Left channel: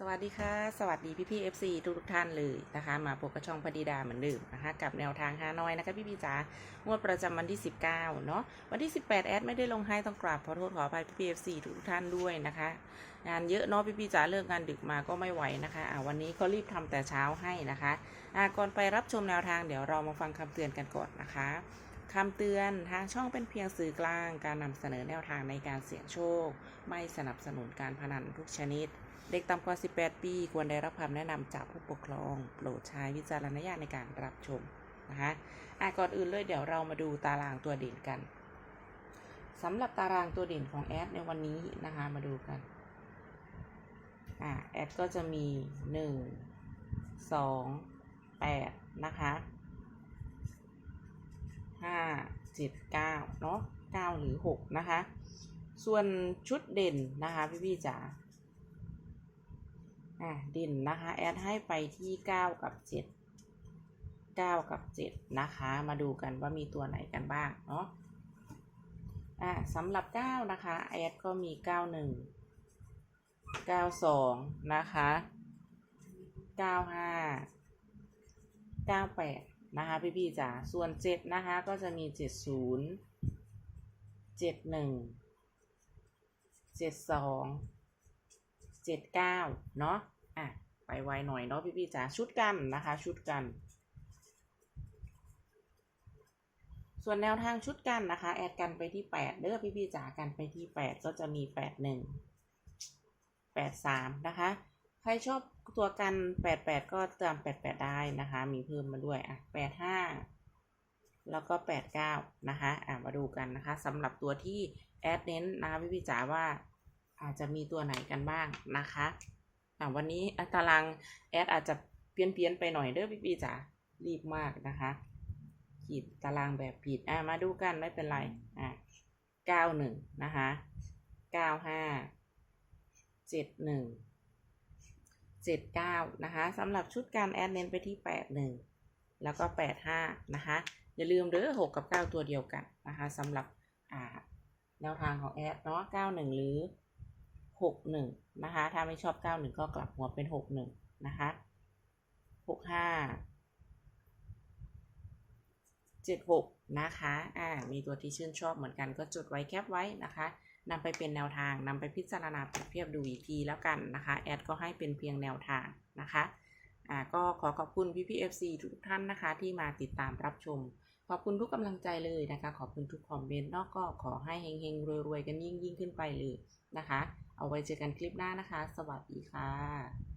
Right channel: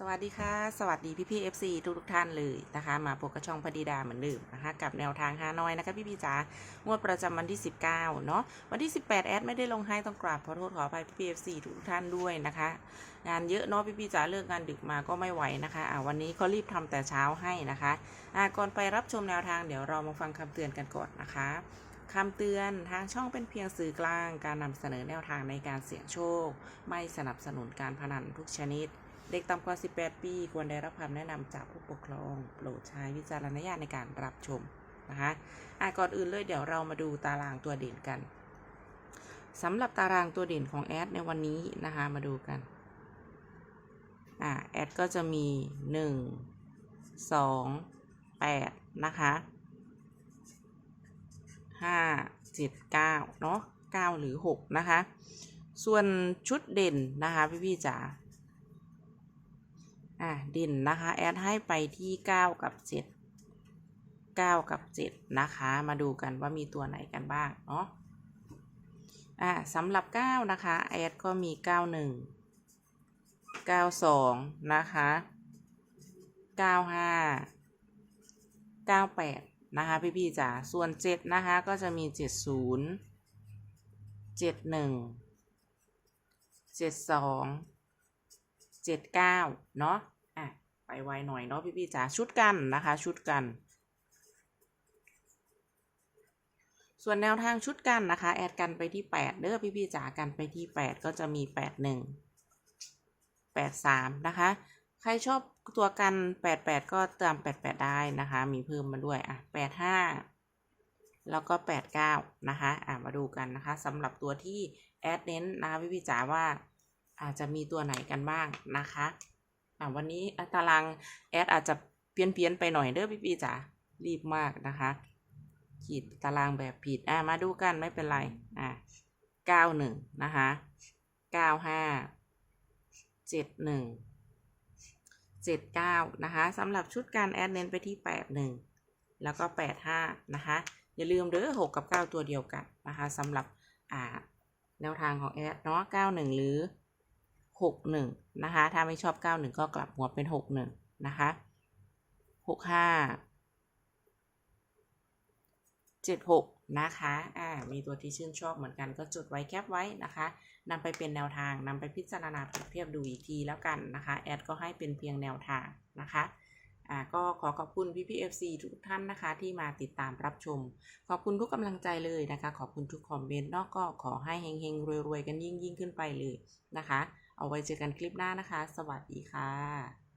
สวัสดีค่ะ สวัสดีพี่พี่เอฟซีทุกทุกท่านเลยนะคะ มาพบกับช่องพดีดาเหมือนเดิมนะคะ กับแนวทางฮานอยนะคะพี่พี่จ๋างวดประจำวันที่ 19 เนาะวันที่ 18 แอดไม่ได้ลงให้ต้องกราบขอโทษขออภัยพี่พี่เอฟซีทุกทุกท่านด้วยนะคะ งานเยอะเนาะพี่พี่จ๋าเลิกงานดึกมาก็ไม่ไหวนะคะอ่าวันนี้ก็รีบทำแต่เช้าให้นะคะอ่าก่อนไปรับชมแนวทางเดี๋ยวเรามาฟังคำเตือนกันก่อนนะคะ คำเตือนทางช่องเป็นเพียงสื่อกลาง การนำเสนอแนวทางในการเสี่ยงโชค ไม่สนับสนุนการพนันทุกชนิด เด็กต่ำกว่า 18 ปี ควรได้รับคำแนะนำจากผู้ปกครอง โปรดใช้วิจารณญาณในการรับชมนะคะอะก่อนอื่นเลยเดี๋ยวเรามาดูตารางตัวเด่นกันสำหรับตารางตัวเด่นของแอดในวันนี้นะคะมาดูกันอะแอดก็จะมี 1 2 8 นะคะ 5 7 9เนาะ9หรือ6นะคะ ส่วนชุดเด่นนะคะพี่ๆจ๋าอะเด่นนะคะ แอดให้ไปที่9กับ7 9กับ7นะคะ มาดูกันว่ามีตัวไหนกันบ้างเนาะอะสำหรับ9นะคะแอดก็มี91 92นะคะ95 98 นะคะพี่ๆจ๋าส่วน7นะคะก็จะมี70 71 72เจ็ดเก้าเนาะอะไปไวหน่อยเนาะพี่ๆจ๋าชุดกันนะคะชุดกัน ส่วนแนวทางชุดกันนะคะ แอดกันไปที่แปดเด้อพี่ๆจ๋ากันไปที่แปดก็จะมีแปดหนึ่งแปดสามนะคะ ใครชอบตัวกันแปดแปดก็ตามแปดแปดได้นะคะ มีเพิ่มมาด้วยอะแปดห้าแล้วก็แปดเก้านะคะอะมาดูกันนะคะสำหรับตัวที่แอดเน้นนะคะพี่ๆจ๋าว่าอาจจะมีตัวไหนกันบ้างนะคะอะวันนี้ตารางแอดอาจจะเปลี่ยนเพียนๆไปหน่อยเด้อพี่ปีจ๋ารีบมากนะคะขีดตารางแบบผิดอะมาดูกันไม่เป็นไรอะเก้าหนึ่งนะคะเก้าห้าเจ็ดหนึ่ง เจ็ดเก้านะคะสำหรับชุดการแอดเน้นไปที่แปดหนึ่งแล้วก็แปดห้านะคะ อย่าลืมเด้อหกกับเก้าตัวเดียวกันนะคะสำหรับแนวทางของแอดเนาะ91 หรือ 61 นะคะ ถ้าไม่ชอบ 91 ก็กลับหัวเป็น 61 นะคะ 65 76 นะคะ อ่า มีตัวที่ชื่นชอบเหมือนกันก็จดไว้แคปไว้นะคะนำไปเป็นแนวทางนำไปพิจารณาเปรียบเทียบดูอีกทีแล้วกันนะคะ แอดก็ให้เป็นเพียงแนวทางนะคะ อ่า ก็ขอขอบคุณพี่พีเอฟซีทุกท่านนะคะ ที่มาติดตามรับชม ขอบคุณทุกกำลังใจเลยนะคะ ขอบคุณทุกคอมเมนต์นอกก็ขอให้เฮงๆรวยๆกันยิ่งยิ่งๆขึ้นไปเลยนะคะ เอาไว้เจอกันคลิปหน้านะคะ สวัสดีค่ะ